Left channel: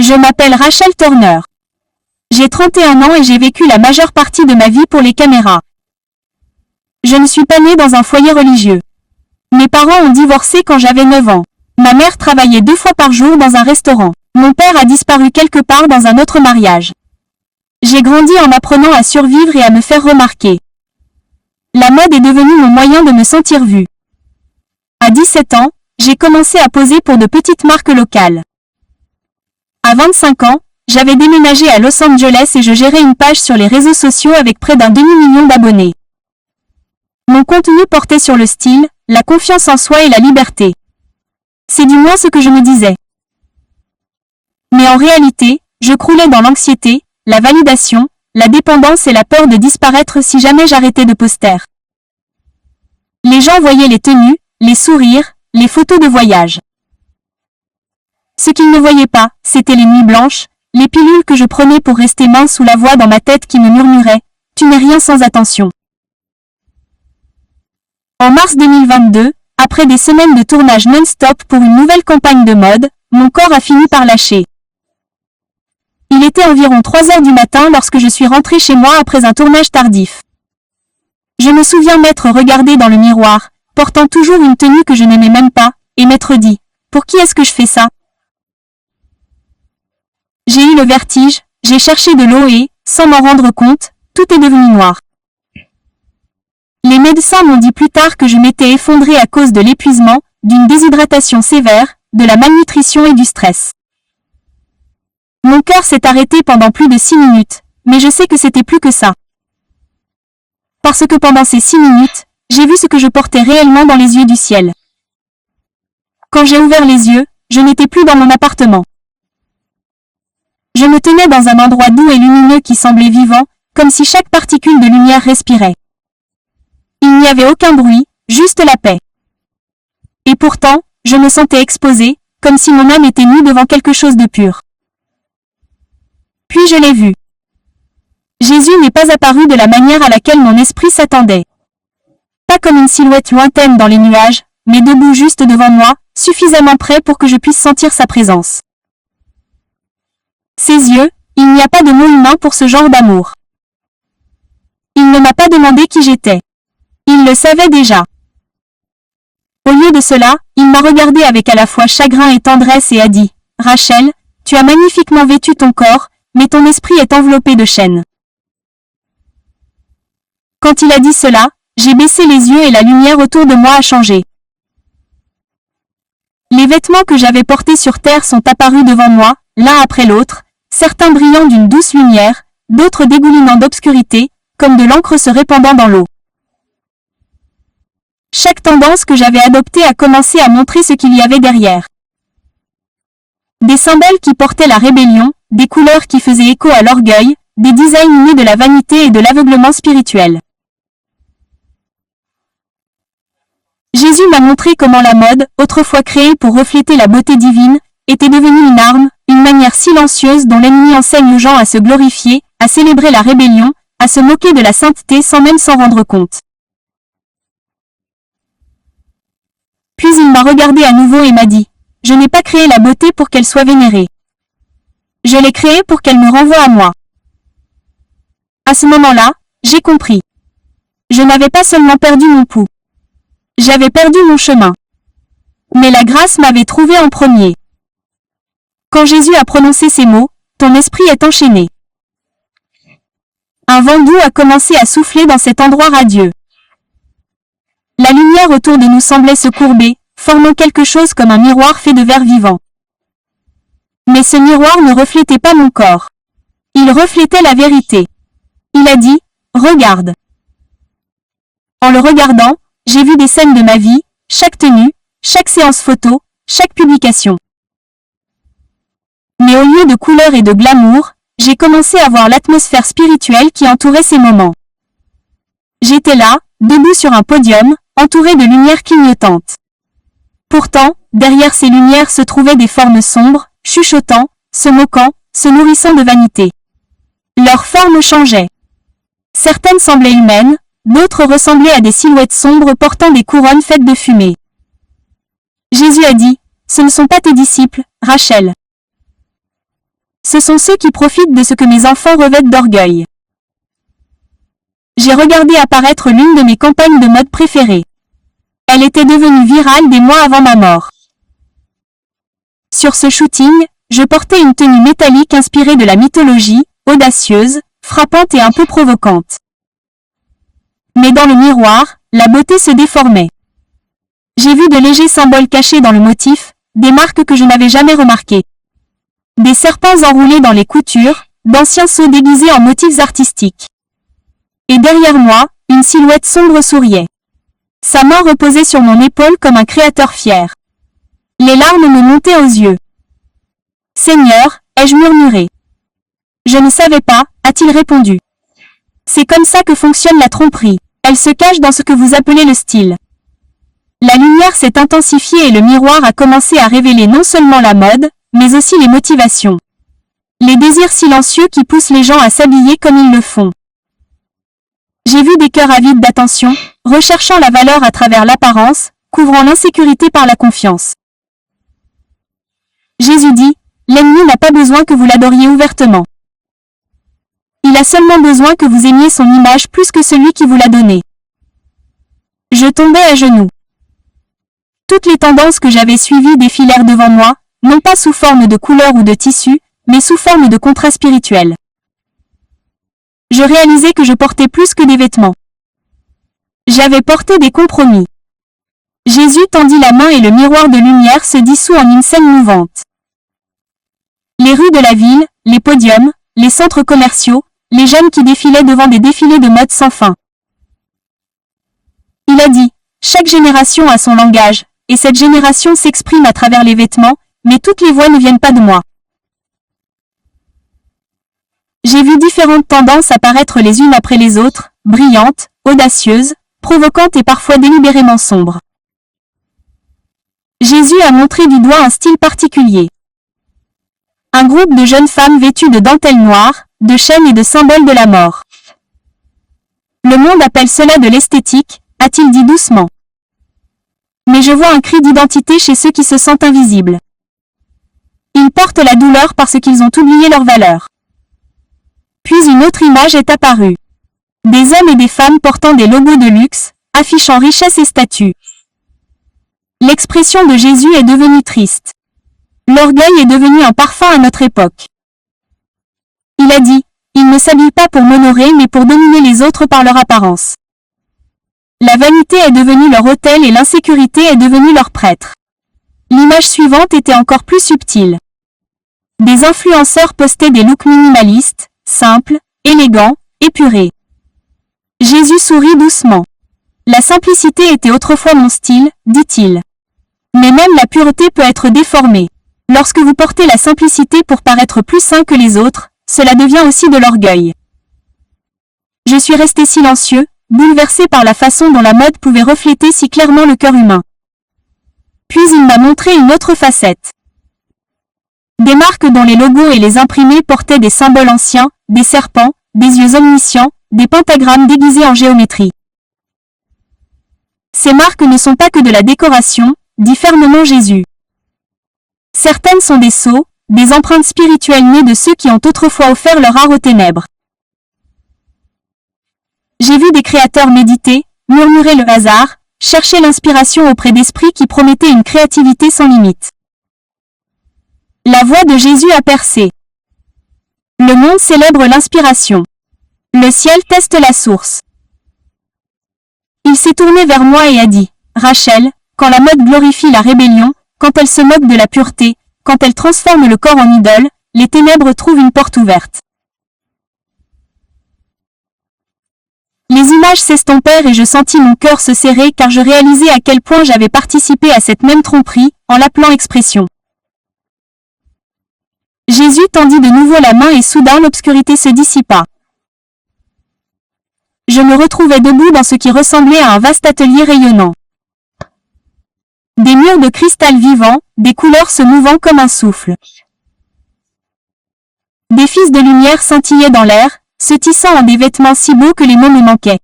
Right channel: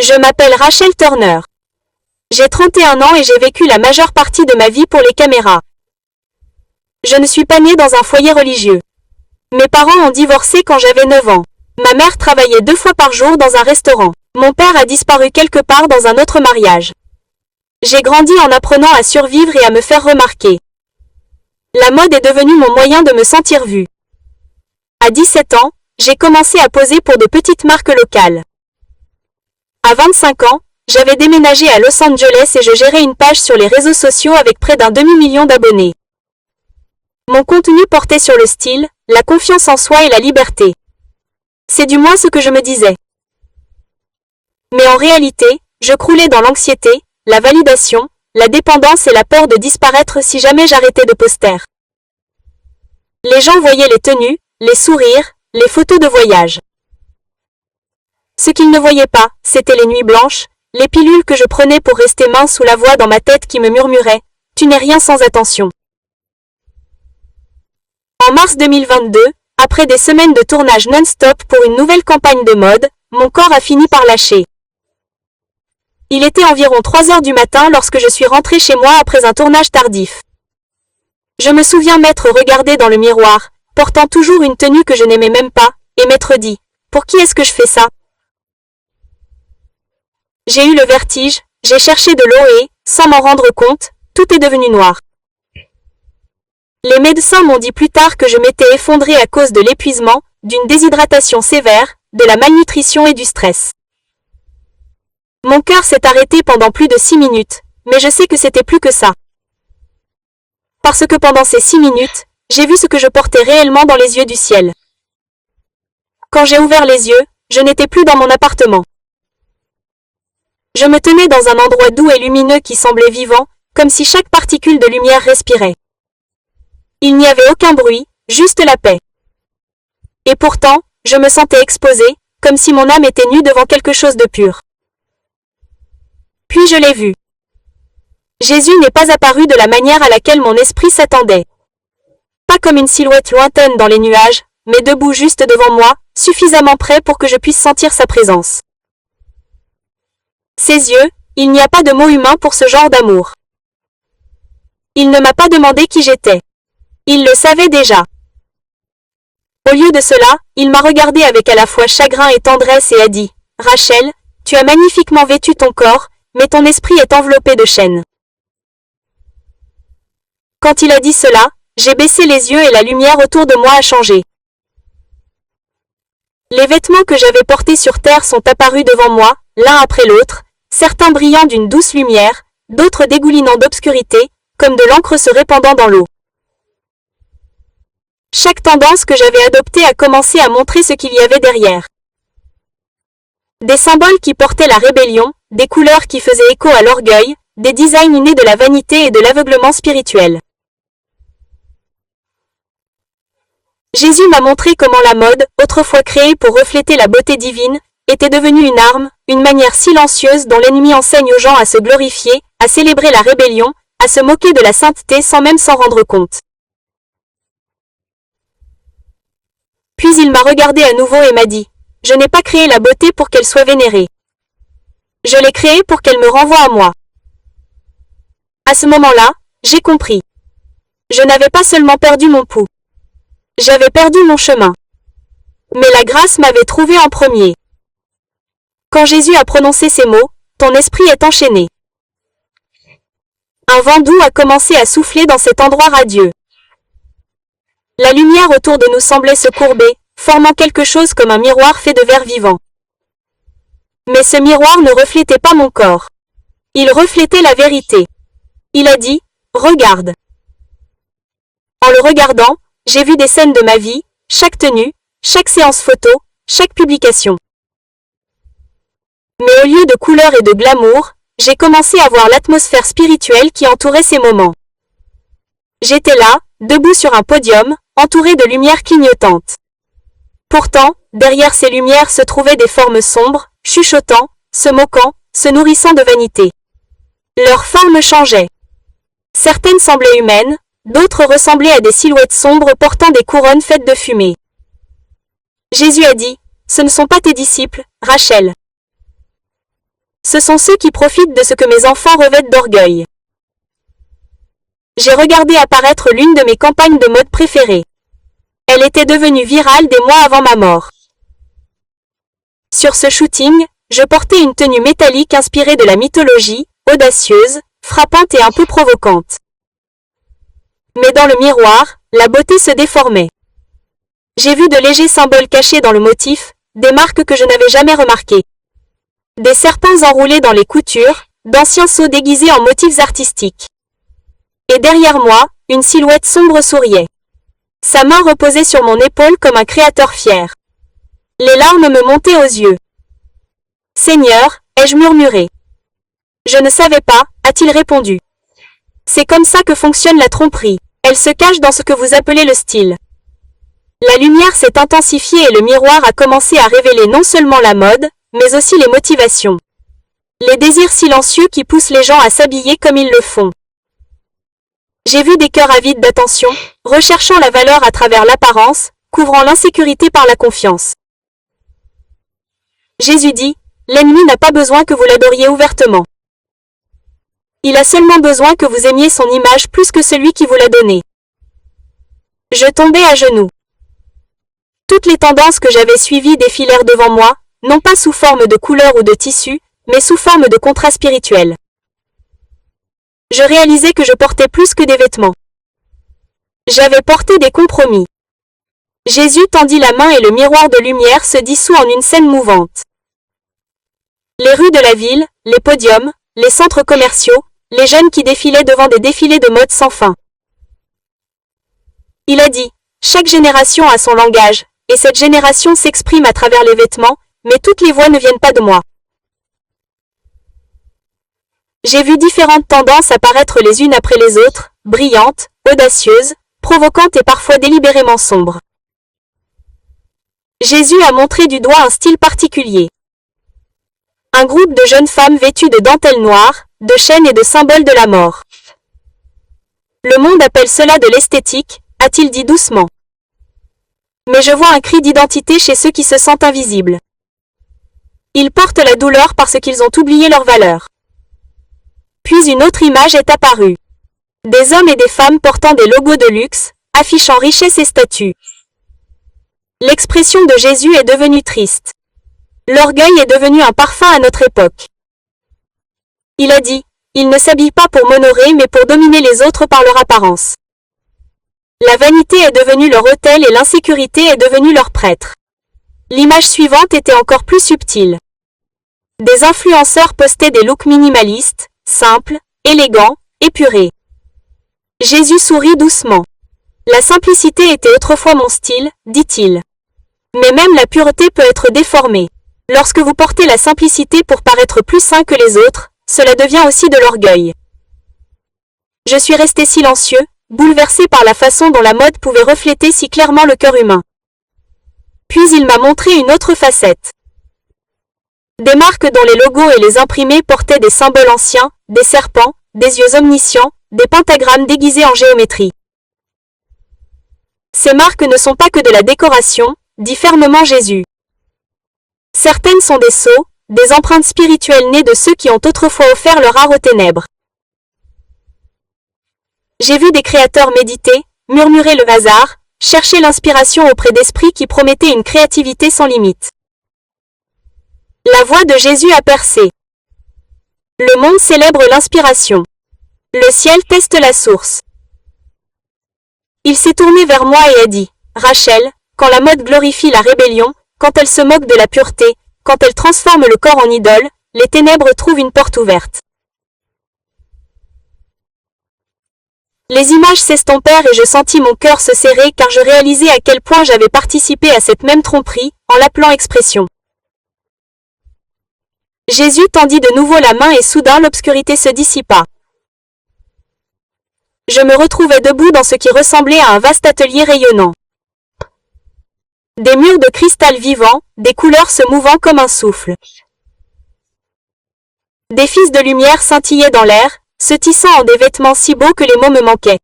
Je m'appelle Rachel Turner. J'ai 31 ans et j'ai vécu la majeure partie de ma vie pour les caméras. Je ne suis pas née dans un foyer religieux. Mes parents ont divorcé quand j'avais 9 ans. Ma mère travaillait 2 fois par jour dans un restaurant. Mon père a disparu quelque part dans un autre mariage. J'ai grandi en apprenant à survivre et à me faire remarquer. La mode est devenue mon moyen de me sentir vue. À 17 ans, j'ai commencé à poser pour de petites marques locales. À 25 ans, j'avais déménagé à Los Angeles et je gérais une page sur les réseaux sociaux avec près d'un demi-million d'abonnés. Mon contenu portait sur le style, la confiance en soi et la liberté. C'est du moins ce que je me disais. Mais en réalité, je croulais dans l'anxiété, la validation, la dépendance et la peur de disparaître si jamais j'arrêtais de poster. Les gens voyaient les tenues, les sourires, les photos de voyage. Ce qu'ils ne voyaient pas, c'était les nuits blanches, les pilules que je prenais pour rester mince ou la voix dans ma tête qui me murmurait « Tu n'es rien sans attention ». En mars 2022, après des semaines de tournage non-stop pour une nouvelle campagne de mode, mon corps a fini par lâcher. Il était environ 3 heures du matin lorsque je suis rentrée chez moi après un tournage tardif. Je me souviens m'être regardée dans le miroir, portant toujours une tenue que je n'aimais même pas, et m'être dit « Pour qui est-ce que je fais ça ?» J'ai eu le vertige, j'ai cherché de l'eau et, sans m'en rendre compte, tout est devenu noir. Les médecins m'ont dit plus tard que je m'étais effondrée à cause de l'épuisement, d'une déshydratation sévère, de la malnutrition et du stress. Mon cœur s'est arrêté pendant plus de 6 minutes, mais je sais que c'était plus que ça. Parce que pendant ces 6 minutes, j'ai vu ce que je portais réellement dans les yeux du ciel. Quand j'ai ouvert les yeux, je n'étais plus dans mon appartement. Je me tenais dans un endroit doux et lumineux qui semblait vivant, comme si chaque particule de lumière respirait. Il n'y avait aucun bruit, juste la paix. Et pourtant, je me sentais exposée, comme si mon âme était nue devant quelque chose de pur. Puis je l'ai vu. Jésus n'est pas apparu de la manière à laquelle mon esprit s'attendait. Pas comme une silhouette lointaine dans les nuages, mais debout juste devant moi, suffisamment près pour que je puisse sentir sa présence. Ses yeux, il n'y a pas de mot humain pour ce genre d'amour. Il ne m'a pas demandé qui j'étais. Il le savait déjà. Au lieu de cela, il m'a regardé avec à la fois chagrin et tendresse et a dit « Rachel, tu as magnifiquement vêtu ton corps, mais ton esprit est enveloppé de chaînes. » Quand il a dit cela, j'ai baissé les yeux et la lumière autour de moi a changé. Les vêtements que j'avais portés sur terre sont apparus devant moi, l'un après l'autre, certains brillant d'une douce lumière, d'autres dégoulinant d'obscurité, comme de l'encre se répandant dans l'eau. Chaque tendance que j'avais adoptée a commencé à montrer ce qu'il y avait derrière. Des symboles qui portaient la rébellion, des couleurs qui faisaient écho à l'orgueil, des designs nés de la vanité et de l'aveuglement spirituel. Jésus m'a montré comment la mode, autrefois créée pour refléter la beauté divine, était devenue une arme, une manière silencieuse dont l'ennemi enseigne aux gens à se glorifier, à célébrer la rébellion, à se moquer de la sainteté sans même s'en rendre compte. Puis il m'a regardé à nouveau et m'a dit « Je n'ai pas créé la beauté pour qu'elle soit vénérée. Je l'ai créée pour qu'elle me renvoie à moi. » À ce moment-là, j'ai compris. Je n'avais pas seulement perdu mon pouls. J'avais perdu mon chemin. Mais la grâce m'avait trouvé en premier. Quand Jésus a prononcé ces mots, « Ton esprit est enchaîné ». Un vent doux a commencé à souffler dans cet endroit radieux. La lumière autour de nous semblait se courber, formant quelque chose comme un miroir fait de verre vivant. Mais ce miroir ne reflétait pas mon corps. Il reflétait la vérité. Il a dit « Regarde ». En le regardant, j'ai vu des scènes de ma vie, chaque tenue, chaque séance photo, chaque publication. Mais au lieu de couleurs et de glamour, j'ai commencé à voir l'atmosphère spirituelle qui entourait ces moments. J'étais là, debout sur un podium, entouré de lumières clignotantes. Pourtant, derrière ces lumières se trouvaient des formes sombres, chuchotant, se moquant, se nourrissant de vanité. Leurs formes changeaient. Certaines semblaient humaines, d'autres ressemblaient à des silhouettes sombres portant des couronnes faites de fumée. Jésus a dit, « Ce ne sont pas tes disciples, Rachel. » Ce sont ceux qui profitent de ce que mes enfants revêtent d'orgueil. J'ai regardé apparaître l'une de mes campagnes de mode préférées. Elle était devenue virale des mois avant ma mort. Sur ce shooting, je portais une tenue métallique inspirée de la mythologie, audacieuse, frappante et un peu provocante. Mais dans le miroir, la beauté se déformait. J'ai vu de légers symboles cachés dans le motif, des marques que je n'avais jamais remarquées. Des serpents enroulés dans les coutures, d'anciens sceaux déguisés en motifs artistiques. Et derrière moi, une silhouette sombre souriait. Sa main reposait sur mon épaule comme un créateur fier. Les larmes me montaient aux yeux. « Seigneur » ai-je murmuré. « Je ne savais pas » a-t-il répondu. « C'est comme ça que fonctionne la tromperie. Elle se cache dans ce que vous appelez le style. » La lumière s'est intensifiée et le miroir a commencé à révéler non seulement la mode, mais aussi les motivations. Les désirs silencieux qui poussent les gens à s'habiller comme ils le font. J'ai vu des cœurs avides d'attention, recherchant la valeur à travers l'apparence, couvrant l'insécurité par la confiance. Jésus dit, l'ennemi n'a pas besoin que vous l'adoriez ouvertement. Il a seulement besoin que vous aimiez son image plus que celui qui vous l'a donnée. Je tombais à genoux. Toutes les tendances que j'avais suivies défilèrent devant moi, non pas sous forme de couleurs ou de tissus, mais sous forme de contrats spirituels. Je réalisais que je portais plus que des vêtements. J'avais porté des compromis. Jésus tendit la main et le miroir de lumière se dissout en une scène mouvante. Les rues de la ville, les podiums, les centres commerciaux, les jeunes qui défilaient devant des défilés de mode sans fin. Il a dit, chaque génération a son langage, et cette génération s'exprime à travers les vêtements, mais toutes les voix ne viennent pas de moi. J'ai vu différentes tendances apparaître les unes après les autres, brillantes, audacieuses, provocantes et parfois délibérément sombres. Jésus a montré du doigt un style particulier. Un groupe de jeunes femmes vêtues de dentelles noires, de chaînes et de symboles de la mort. Le monde appelle cela de l'esthétique, a-t-il dit doucement. Mais je vois un cri d'identité chez ceux qui se sentent invisibles. Ils portent la douleur parce qu'ils ont oublié leur valeur. Puis une autre image est apparue. Des hommes et des femmes portant des logos de luxe, affichant richesse et statut. L'expression de Jésus est devenue triste. L'orgueil est devenu un parfum à notre époque. Il a dit, ils ne s'habillent pas pour m'honorer mais pour dominer les autres par leur apparence. La vanité est devenue leur autel et l'insécurité est devenue leur prêtre. L'image suivante était encore plus subtile. Des influenceurs postaient des looks minimalistes, simples, élégants, épurés. Jésus sourit doucement. La simplicité était autrefois mon style, dit-il. Mais même la pureté peut être déformée. Lorsque vous portez la simplicité pour paraître plus saint que les autres, cela devient aussi de l'orgueil. Je suis resté silencieux, bouleversé par la façon dont la mode pouvait refléter si clairement le cœur humain. Puis il m'a montré une autre facette. Des marques dont les logos et les imprimés portaient des symboles anciens, des serpents, des yeux omniscients, des pentagrammes déguisés en géométrie. Ces marques ne sont pas que de la décoration, dit fermement Jésus. Certaines sont des sceaux, des empreintes spirituelles nées de ceux qui ont autrefois offert leur art aux ténèbres. J'ai vu des créateurs méditer, murmurer le hasard, chercher l'inspiration auprès d'esprits qui promettaient une créativité sans limite. La voix de Jésus a percé. Le monde célèbre l'inspiration. Le ciel teste la source. Il s'est tourné vers moi et a dit, « Rachel, quand la mode glorifie la rébellion, quand elle se moque de la pureté, quand elle transforme le corps en idole, les ténèbres trouvent une porte ouverte. » Les images s'estompèrent et je sentis mon cœur se serrer car je réalisais à quel point j'avais participé à cette même tromperie, en l'appelant expression. Jésus tendit de nouveau la main et soudain l'obscurité se dissipa. Je me retrouvais debout dans ce qui ressemblait à un vaste atelier rayonnant. Des murs de cristal vivant, des couleurs se mouvant comme un souffle. Des fils de lumière scintillaient dans l'air, se tissant en des vêtements si beaux que les mots me manquaient.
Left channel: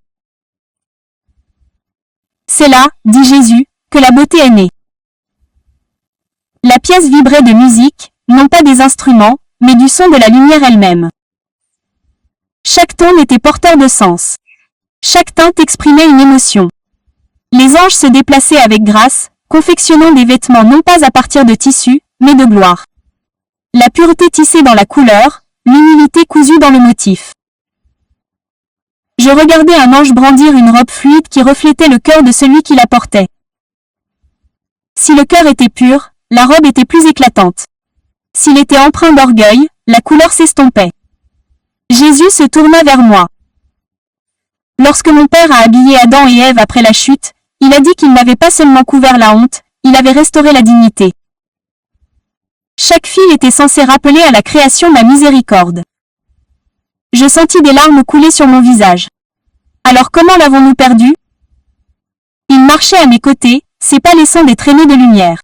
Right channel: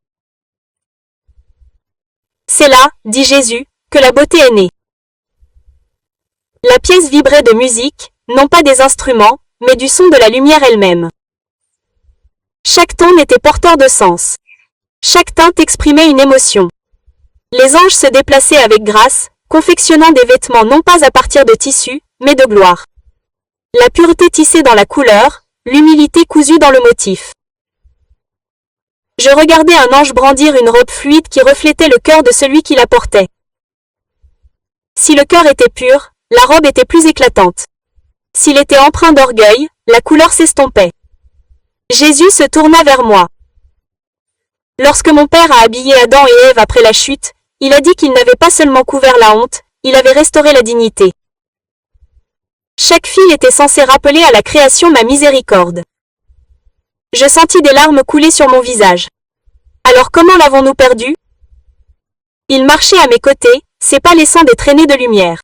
C'est là, dit Jésus, que la beauté est née. La pièce vibrait de musique, non pas des instruments, mais du son de la lumière elle-même. Chaque ton était porteur de sens. Chaque teinte exprimait une émotion. Les anges se déplaçaient avec grâce, confectionnant des vêtements non pas à partir de tissu, mais de gloire. La pureté tissée dans la couleur, l'humilité cousue dans le motif. Je regardais un ange brandir une robe fluide qui reflétait le cœur de celui qui la portait. Si le cœur était pur, la robe était plus éclatante. S'il était empreint d'orgueil, la couleur s'estompait. Jésus se tourna vers moi. Lorsque mon Père a habillé Adam et Ève après la chute, il a dit qu'il n'avait pas seulement couvert la honte, il avait restauré la dignité. Chaque fil était censé rappeler à la création ma miséricorde. Je sentis des larmes couler sur mon visage. Alors comment l'avons-nous perdu? Il marchait à mes côtés, ses pas laissant des traînées de lumière.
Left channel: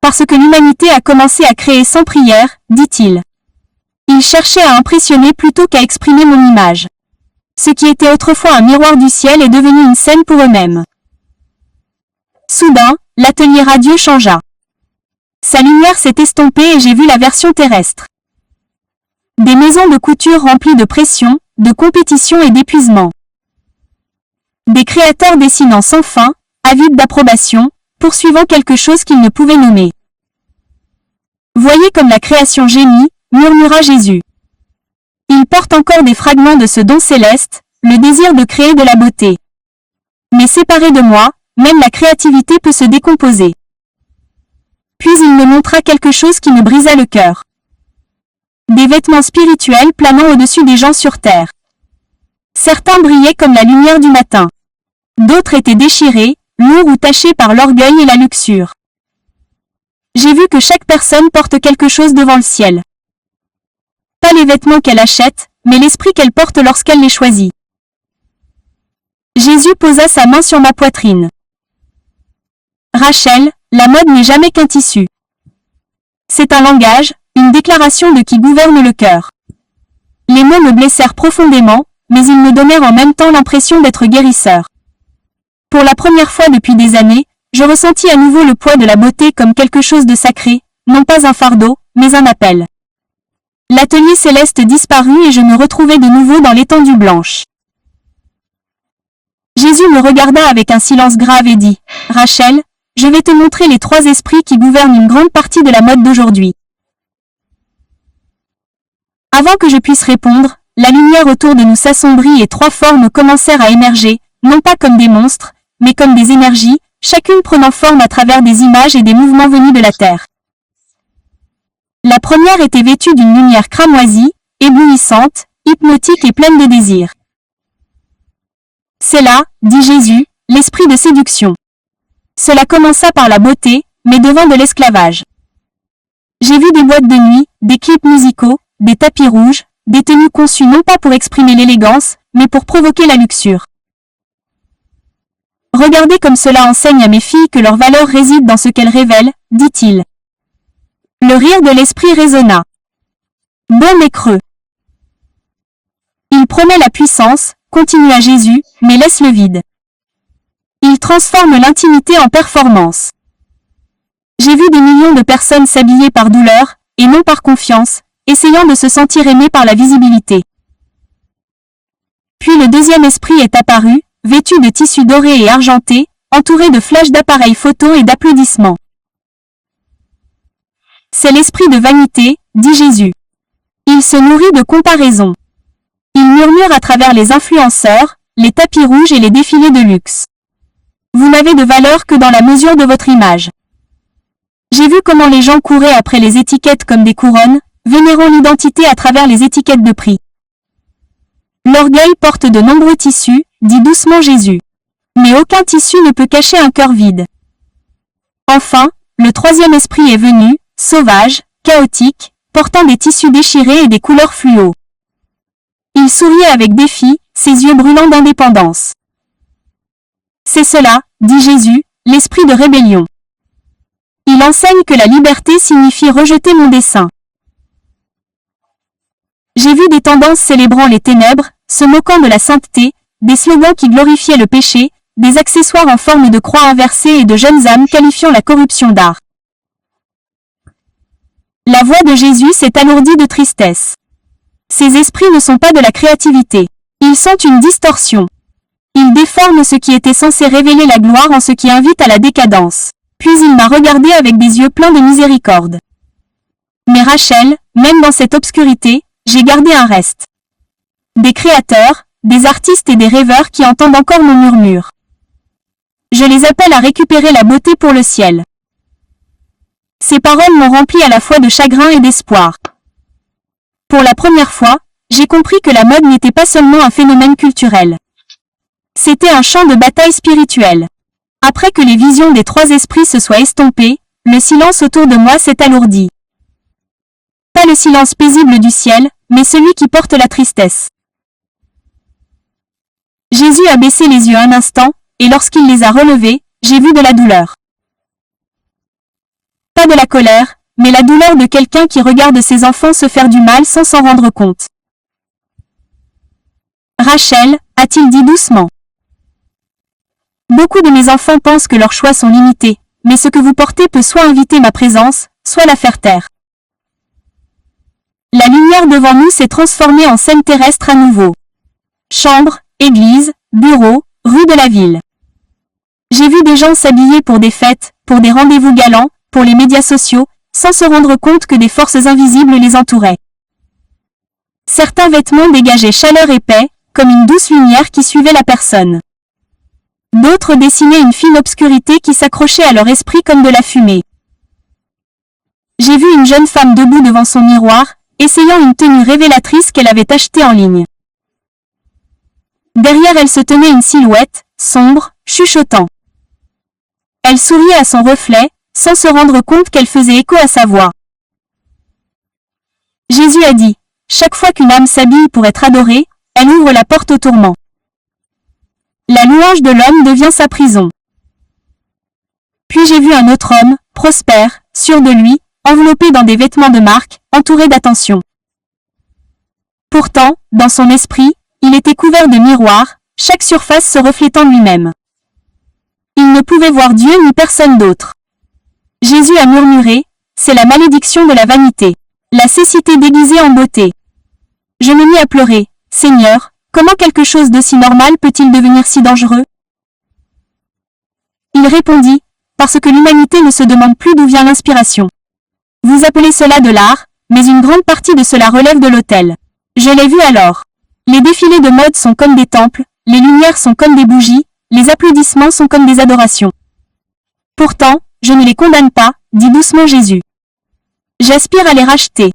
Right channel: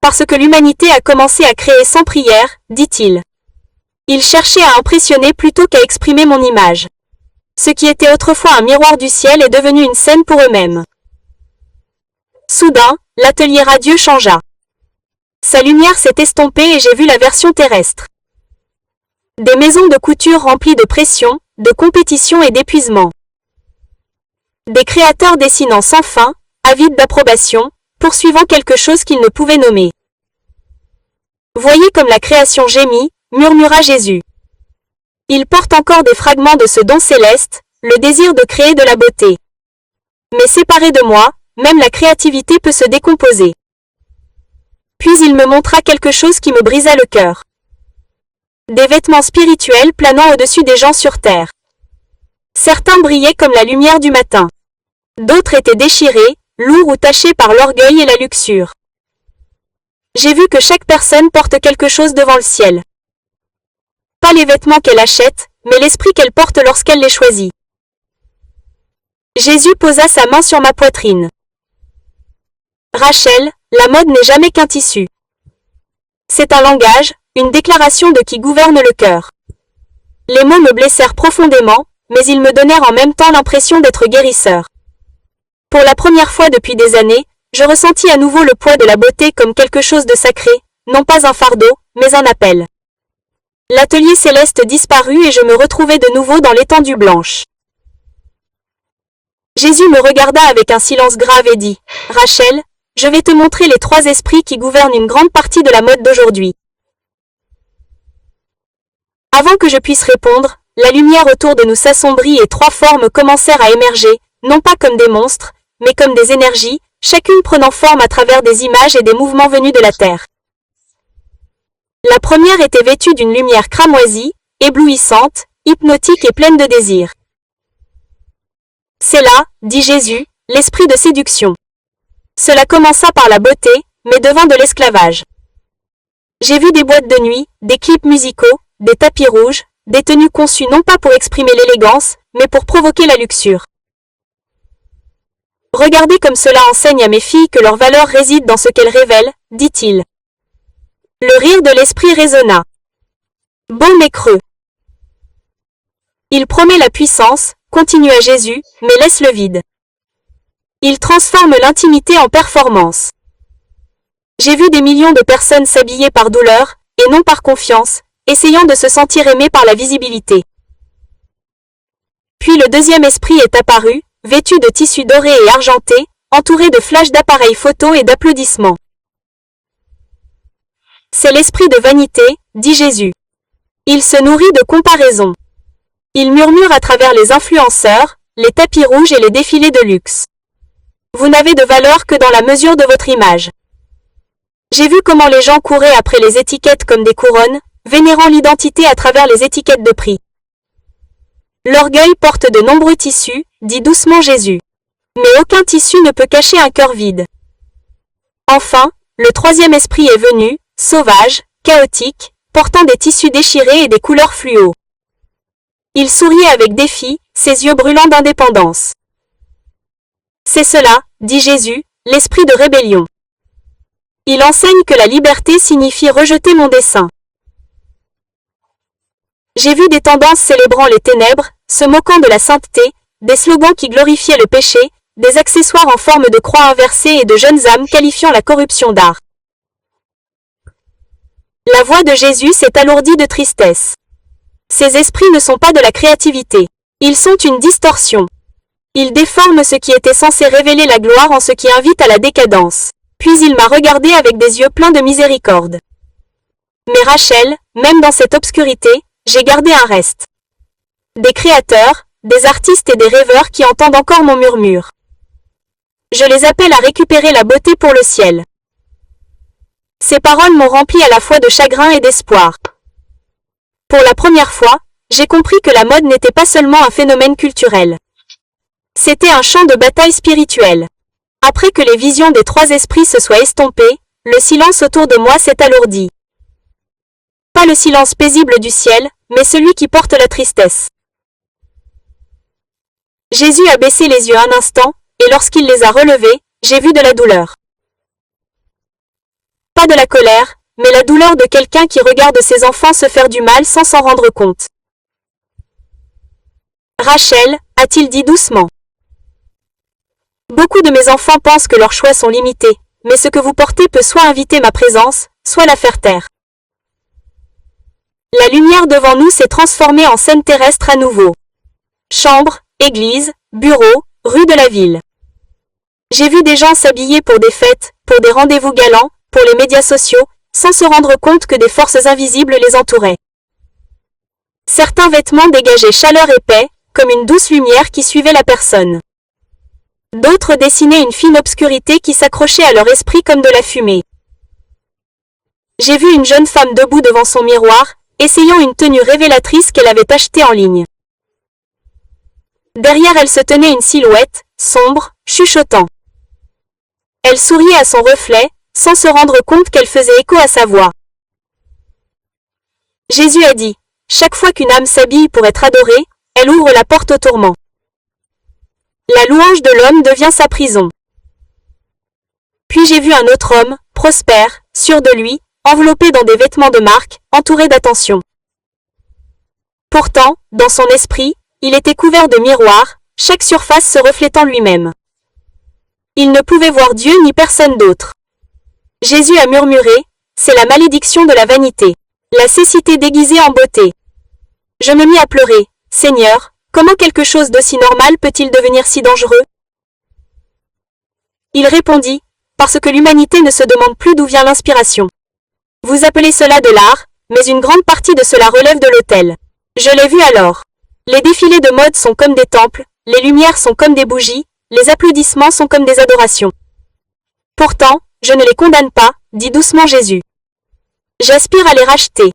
Parce que l'humanité a commencé à créer sans prière, dit-il. Il cherchait à impressionner plutôt qu'à exprimer mon image. Ce qui était autrefois un miroir du ciel est devenu une scène pour eux-mêmes. Soudain, l'atelier radieux changea. Sa lumière s'est estompée et j'ai vu la version terrestre. Des maisons de couture remplies de pression, de compétition et d'épuisement. Des créateurs dessinant sans fin, avides d'approbation, poursuivant quelque chose qu'ils ne pouvaient nommer. Voyez comme la création gémit, murmura Jésus. Il porte encore des fragments de ce don céleste, le désir de créer de la beauté. Mais séparé de moi, même la créativité peut se décomposer. Puis il me montra quelque chose qui me brisa le cœur. Des vêtements spirituels planant au-dessus des gens sur terre. Certains brillaient comme la lumière du matin. D'autres étaient déchirés, lourds ou tachés par l'orgueil et la luxure. J'ai vu que chaque personne porte quelque chose devant le ciel. Pas les vêtements qu'elle achète, mais l'esprit qu'elle porte lorsqu'elle les choisit. Jésus posa sa main sur ma poitrine. Rachel, la mode n'est jamais qu'un tissu. C'est un langage, une déclaration de qui gouverne le cœur. Les mots me blessèrent profondément, mais ils me donnèrent en même temps l'impression d'être guérisseurs. Pour la première fois depuis des années, je ressentis à nouveau le poids de la beauté comme quelque chose de sacré, non pas un fardeau, mais un appel. L'atelier céleste disparut et je me retrouvai de nouveau dans l'étendue blanche. Jésus me regarda avec un silence grave et dit, « Rachel, je vais te montrer les 3 esprits qui gouvernent une grande partie de la mode d'aujourd'hui. » Avant que je puisse répondre, la lumière autour de nous s'assombrit et 3 formes commencèrent à émerger, non pas comme des monstres, mais comme des énergies, chacune prenant forme à travers des images et des mouvements venus de la terre. La première était vêtue d'une lumière cramoisie, éblouissante, hypnotique et pleine de désir. C'est là, dit Jésus, l'esprit de séduction. Cela commença par la beauté, mais devint de l'esclavage. J'ai vu des boîtes de nuit, des clips musicaux, des tapis rouges, des tenues conçues non pas pour exprimer l'élégance, mais pour provoquer la luxure. Regardez comme cela enseigne à mes filles que leur valeur réside dans ce qu'elles révèlent, dit-il. Le rire de l'esprit résonna. Bon mais creux. Il promet la puissance, continua Jésus, mais laisse le vide. Il transforme l'intimité en performance. J'ai vu des millions de personnes s'habiller par douleur, et non par confiance, essayant de se sentir aimées par la visibilité. Puis le deuxième esprit est apparu, vêtu de tissus dorés et argentés, entouré de flashs d'appareils photo et d'applaudissements. C'est l'esprit de vanité, dit Jésus. Il se nourrit de comparaisons. Il murmure à travers les influenceurs, les tapis rouges et les défilés de luxe. Vous n'avez de valeur que dans la mesure de votre image. J'ai vu comment les gens couraient après les étiquettes comme des couronnes, vénérant l'identité à travers les étiquettes de prix. L'orgueil porte de nombreux tissus, dit doucement Jésus. Mais aucun tissu ne peut cacher un cœur vide. Enfin, le troisième esprit est venu, sauvage, chaotique, portant des tissus déchirés et des couleurs fluo. Il souriait avec défi, ses yeux brûlants d'indépendance. C'est cela, dit Jésus, l'esprit de rébellion. Il enseigne que la liberté signifie rejeter mon dessein. J'ai vu des tendances célébrant les ténèbres, se moquant de la sainteté, des slogans qui glorifiaient le péché, des accessoires en forme de croix inversée et de jeunes âmes qualifiant la corruption d'art. La voix de Jésus s'est alourdie de tristesse. Ces esprits ne sont pas de la créativité. Ils sont une distorsion. Ils déforment ce qui était censé révéler la gloire en ce qui invite à la décadence. Puis il m'a regardé avec des yeux pleins de miséricorde. Mais Rachel, même dans cette obscurité, j'ai gardé un reste. Des créateurs, des artistes et des rêveurs qui entendent encore mon murmure. Je les appelle à récupérer la beauté pour le ciel. Ces paroles m'ont rempli à la fois de chagrin et d'espoir. Pour la première fois, j'ai compris que la mode n'était pas seulement un phénomène culturel. C'était un champ de bataille spirituelle. Après que les visions des trois esprits se soient estompées, le silence autour de moi s'est alourdi. Pas le silence paisible du ciel, mais celui qui porte la tristesse. Jésus a baissé les yeux un instant, et lorsqu'il les a relevés, j'ai vu de la douleur. Pas de la colère, mais la douleur de quelqu'un qui regarde ses enfants se faire du mal sans s'en rendre compte. Rachel, a-t-il dit doucement. Beaucoup de mes enfants pensent que leurs choix sont limités, mais ce que vous portez peut soit inviter ma présence, soit la faire taire. La lumière devant nous s'est transformée en scène terrestre à nouveau. Chambre, église, bureau, rue de la ville. J'ai vu des gens s'habiller pour des fêtes, pour des rendez-vous galants, pour les médias sociaux, sans se rendre compte que des forces invisibles les entouraient. Certains vêtements dégageaient chaleur et paix, comme une douce lumière qui suivait la personne. D'autres dessinaient une fine obscurité qui s'accrochait à leur esprit comme de la fumée. J'ai vu une jeune femme debout devant son miroir, essayant une tenue révélatrice qu'elle avait achetée en ligne. Derrière elle se tenait une silhouette, sombre, chuchotant. Elle souriait à son reflet, sans se rendre compte qu'elle faisait écho à sa voix. Jésus a dit, chaque fois qu'une âme s'habille pour être adorée, elle ouvre la porte au tourment. La louange de l'homme devient sa prison. Puis j'ai vu un autre homme, prospère, sûr de lui, enveloppé dans des vêtements de marque, entouré d'attention. Pourtant, dans son esprit, il était couvert de miroirs, chaque surface se reflétant lui-même. Il ne pouvait voir Dieu ni personne d'autre. Jésus a murmuré, c'est la malédiction de la vanité, la cécité déguisée en beauté. Je me mis à pleurer, Seigneur, comment quelque chose d'aussi normal peut-il devenir si dangereux? Il répondit, parce que l'humanité ne se demande plus d'où vient l'inspiration. Vous appelez cela de l'art, mais une grande partie de cela relève de l'autel. Je l'ai vu alors. Les défilés de mode sont comme des temples, les lumières sont comme des bougies, les applaudissements sont comme des adorations. Pourtant, je ne les condamne pas, dit doucement Jésus. J'aspire à les racheter.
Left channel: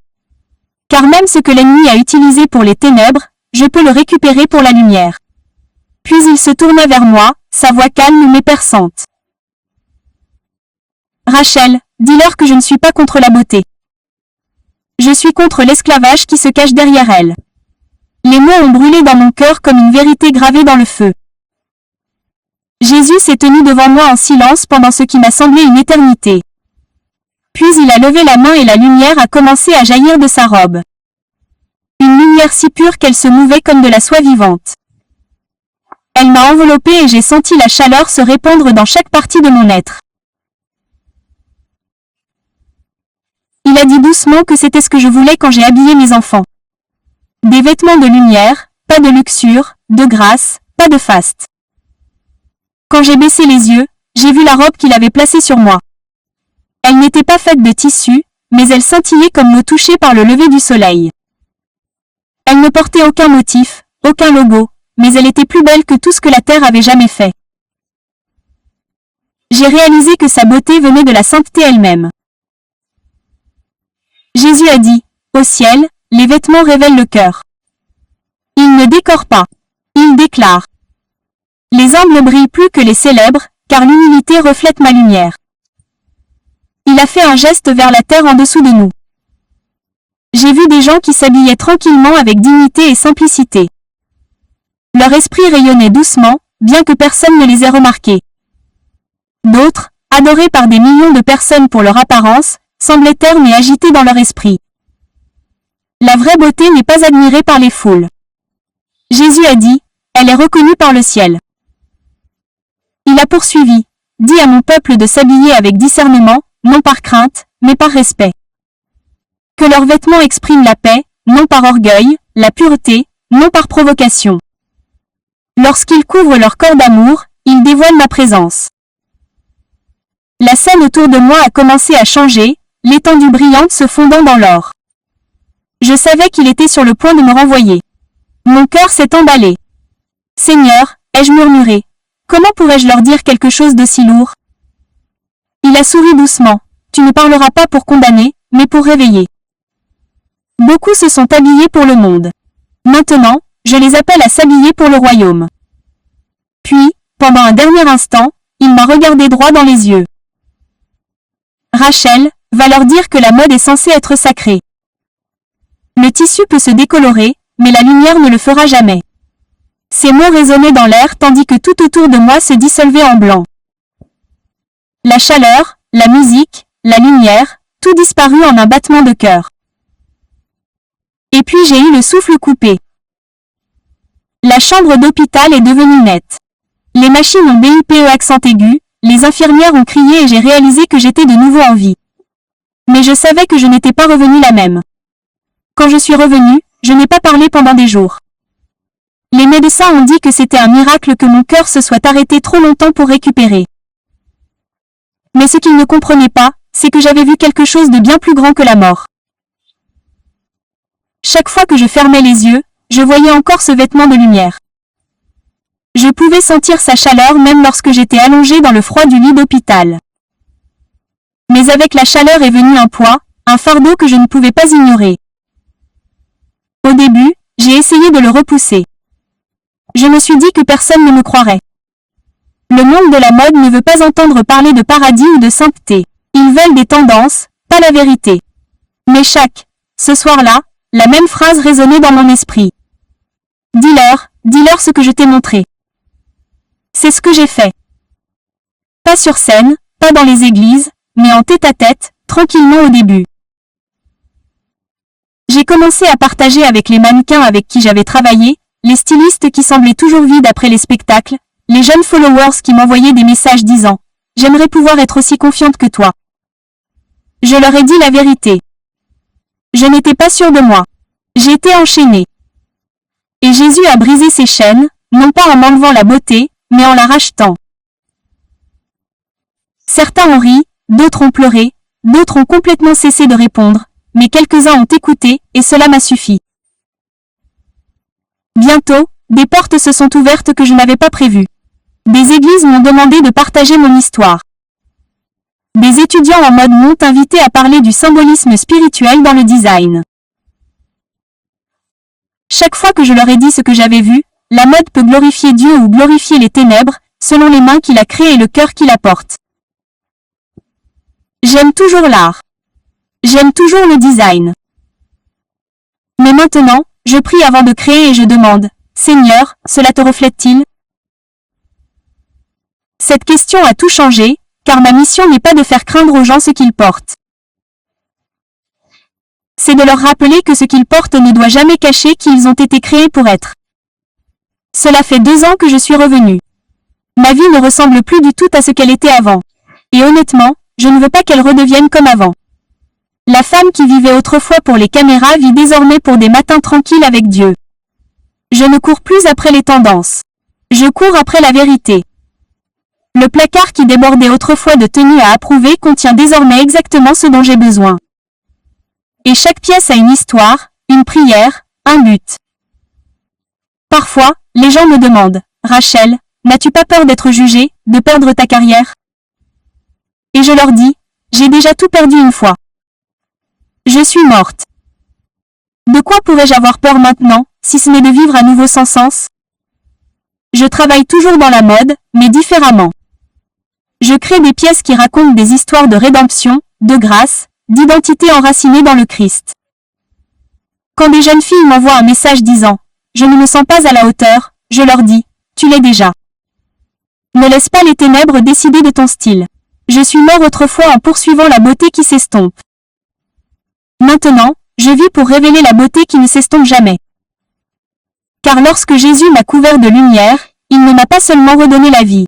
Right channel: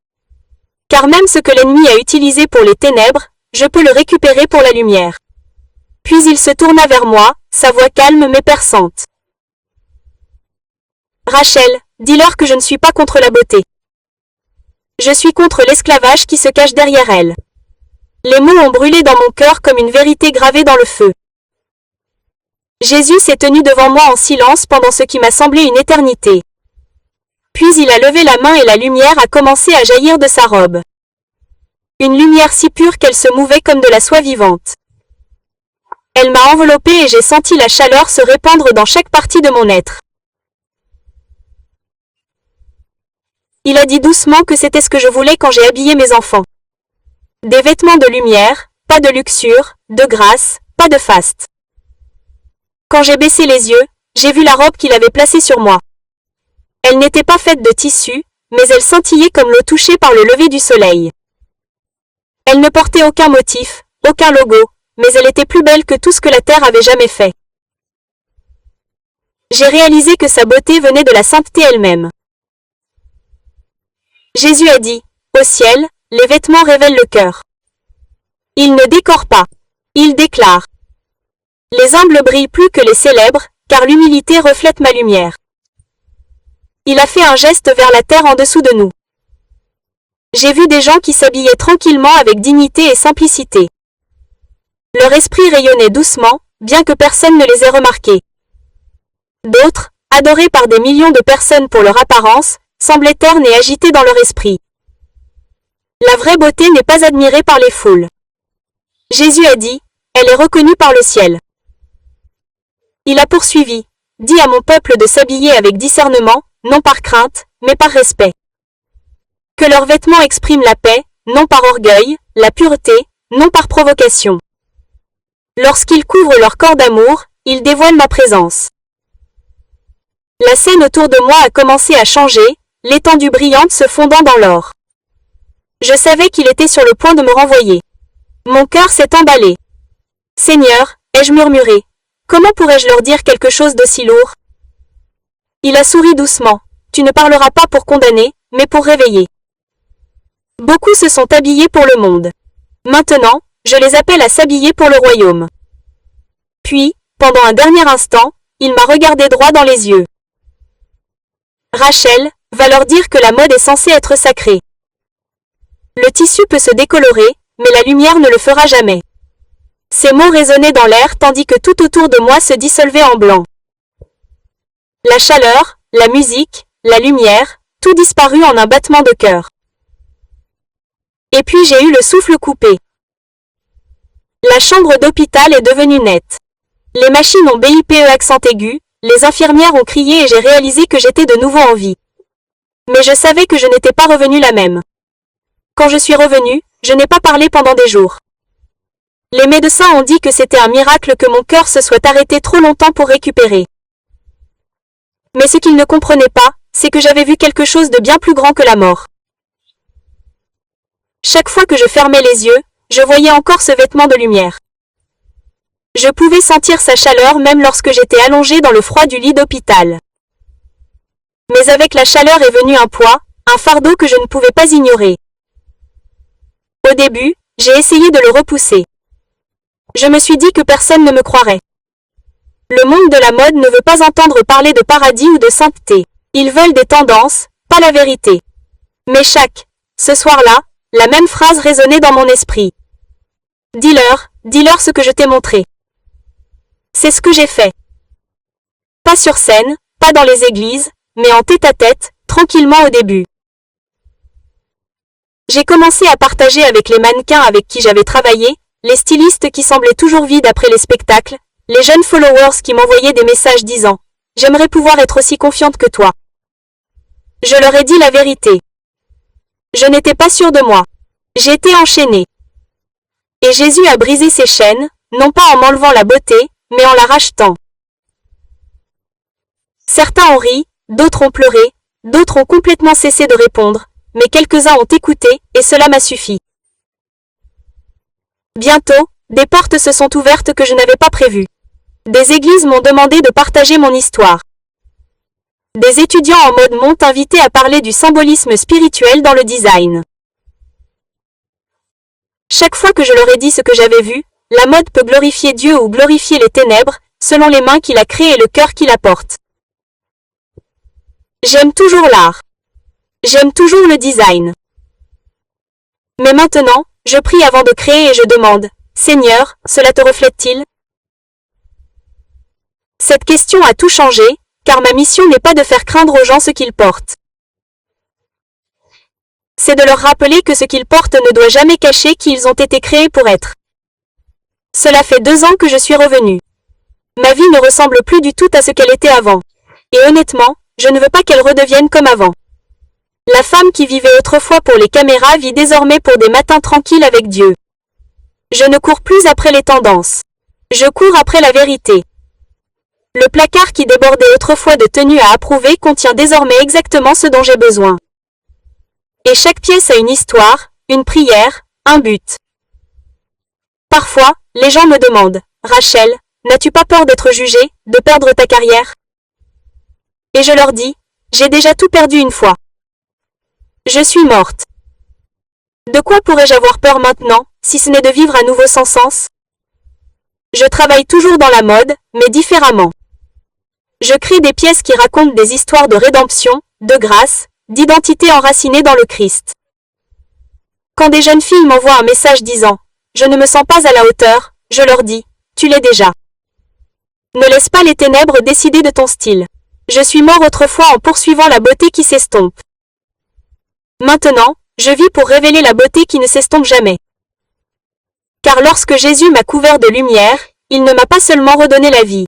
Car même ce que l'ennemi a utilisé pour les ténèbres, je peux le récupérer pour la lumière. Puis il se tourna vers moi, sa voix calme mais perçante. Rachel, dis-leur que je ne suis pas contre la beauté. Je suis contre l'esclavage qui se cache derrière elle. Les mots ont brûlé dans mon cœur comme une vérité gravée dans le feu. Jésus s'est tenu devant moi en silence pendant ce qui m'a semblé une éternité. Puis il a levé la main et la lumière a commencé à jaillir de sa robe. Une lumière si pure qu'elle se mouvait comme de la soie vivante. Elle m'a enveloppée et j'ai senti la chaleur se répandre dans chaque partie de mon être. Il a dit doucement que c'était ce que je voulais quand j'ai habillé mes enfants. Des vêtements de lumière, pas de luxure, de grâce, pas de faste. Quand j'ai baissé les yeux, j'ai vu la robe qu'il avait placée sur moi. Elle n'était pas faite de tissu, mais elle scintillait comme l'eau touchée par le lever du soleil. Elle ne portait aucun motif, aucun logo, mais elle était plus belle que tout ce que la terre avait jamais fait. J'ai réalisé que sa beauté venait de la sainteté elle-même. Jésus a dit, au ciel, les vêtements révèlent le cœur. Ils ne décorent pas. Ils déclarent. Les humbles brillent plus que les célèbres, car l'humilité reflète ma lumière. Il a fait un geste vers la terre en dessous de nous. J'ai vu des gens qui s'habillaient tranquillement avec dignité et simplicité. Leur esprit rayonnait doucement, bien que personne ne les ait remarqués. D'autres, adorés par des millions de personnes pour leur apparence, semblaient ternes et agités dans leur esprit. La vraie beauté n'est pas admirée par les foules. Jésus a dit, elle est reconnue par le ciel. Il a poursuivi, dis à mon peuple de s'habiller avec discernement, non par crainte, mais par respect. Que leurs vêtements expriment la paix, non par orgueil, la pureté, non par provocation. Lorsqu'ils couvrent leur corps d'amour, ils dévoilent ma présence. La scène autour de moi a commencé à changer, l'étendue brillante se fondant dans l'or. Je savais qu'il était sur le point de me renvoyer. Mon cœur s'est emballé. Seigneur, ai-je murmuré, comment pourrais-je leur dire quelque chose d'aussi lourd? Il a souri doucement. Tu ne parleras pas pour condamner, mais pour réveiller. Beaucoup se sont habillés pour le monde. Maintenant, je les appelle à s'habiller pour le royaume. Puis, pendant un dernier instant, il m'a regardé droit dans les yeux. Rachel, va leur dire que la mode est censée être sacrée. Le tissu peut se décolorer, mais la lumière ne le fera jamais. Ces mots résonnaient dans l'air tandis que tout autour de moi se dissolvait en blanc. La chaleur, la musique, la lumière, tout disparut en un battement de cœur. Et puis j'ai eu le souffle coupé. La chambre d'hôpital est devenue nette. Les machines ont bip accent aigu, les infirmières ont crié et j'ai réalisé que j'étais de nouveau en vie. Mais je savais que je n'étais pas revenue la même. Quand je suis revenue, je n'ai pas parlé pendant des jours. Les médecins ont dit que c'était un miracle que mon cœur se soit arrêté trop longtemps pour récupérer. Mais ce qu'ils ne comprenaient pas, c'est que j'avais vu quelque chose de bien plus grand que la mort. Chaque fois que je fermais les yeux, je voyais encore ce vêtement de lumière. Je pouvais sentir sa chaleur même lorsque j'étais allongée dans le froid du lit d'hôpital. Mais avec la chaleur est venu un poids, un fardeau que je ne pouvais pas ignorer. Au début, j'ai essayé de le repousser. Je me suis dit que personne ne me croirait. Le monde de la mode ne veut pas entendre parler de paradis ou de sainteté. Ils veulent des tendances, pas la vérité. Mais ce soir-là, la même phrase résonnait dans mon esprit. Dis-leur ce que je t'ai montré. C'est ce que j'ai fait. Pas sur scène, pas dans les églises, mais en tête-à-tête, tranquillement au début. J'ai commencé à partager avec les mannequins avec qui j'avais travaillé, les stylistes qui semblaient toujours vides après les spectacles, les jeunes followers qui m'envoyaient des messages disant « J'aimerais pouvoir être aussi confiante que toi ». Je leur ai dit la vérité. Je n'étais pas sûre de moi. J'étais enchaînée. Et Jésus a brisé ses chaînes, non pas en m'enlevant la beauté, mais en la rachetant. Certains ont ri, d'autres ont pleuré, d'autres ont complètement cessé de répondre, mais quelques-uns ont écouté, et cela m'a suffi. Bientôt, des portes se sont ouvertes que je n'avais pas prévues. Des églises m'ont demandé de partager mon histoire. Des étudiants en mode m'ont invité à parler du symbolisme spirituel dans le design. Chaque fois que je leur ai dit ce que j'avais vu, la mode peut glorifier Dieu ou glorifier les ténèbres, selon les mains qu'il a créées et le cœur qu'il apporte. J'aime toujours l'art. J'aime toujours le design. Mais maintenant, je prie avant de créer et je demande, Seigneur, cela te reflète-t-il? Cette question a tout changé, car ma mission n'est pas de faire craindre aux gens ce qu'ils portent. C'est de leur rappeler que ce qu'ils portent ne doit jamais cacher qui ils ont été créés pour être. Cela fait 2 ans que je suis revenue. Ma vie ne ressemble plus du tout à ce qu'elle était avant. Et honnêtement, je ne veux pas qu'elle redevienne comme avant. La femme qui vivait autrefois pour les caméras vit désormais pour des matins tranquilles avec Dieu. Je ne cours plus après les tendances. Je cours après la vérité. Le placard qui débordait autrefois de tenues à approuver contient désormais exactement ce dont j'ai besoin. Et chaque pièce a une histoire, une prière, un but. Parfois, les gens me demandent, Rachel, n'as-tu pas peur d'être jugée, de perdre ta carrière? Et je leur dis, j'ai déjà tout perdu une fois. Je suis morte. De quoi pourrais-je avoir peur maintenant, si ce n'est de vivre à nouveau sans sens? Je travaille toujours dans la mode, mais différemment. Je crée des pièces qui racontent des histoires de rédemption, de grâce, d'identité enracinée dans le Christ. Quand des jeunes filles m'envoient un message disant « Je ne me sens pas à la hauteur », je leur dis « Tu l'es déjà ». Ne laisse pas les ténèbres décider de ton style. Je suis mort autrefois en poursuivant la beauté qui s'estompe. Maintenant, je vis pour révéler la beauté qui ne s'estompe jamais. Car lorsque Jésus m'a couvert de lumière, il ne m'a pas seulement redonné la vie.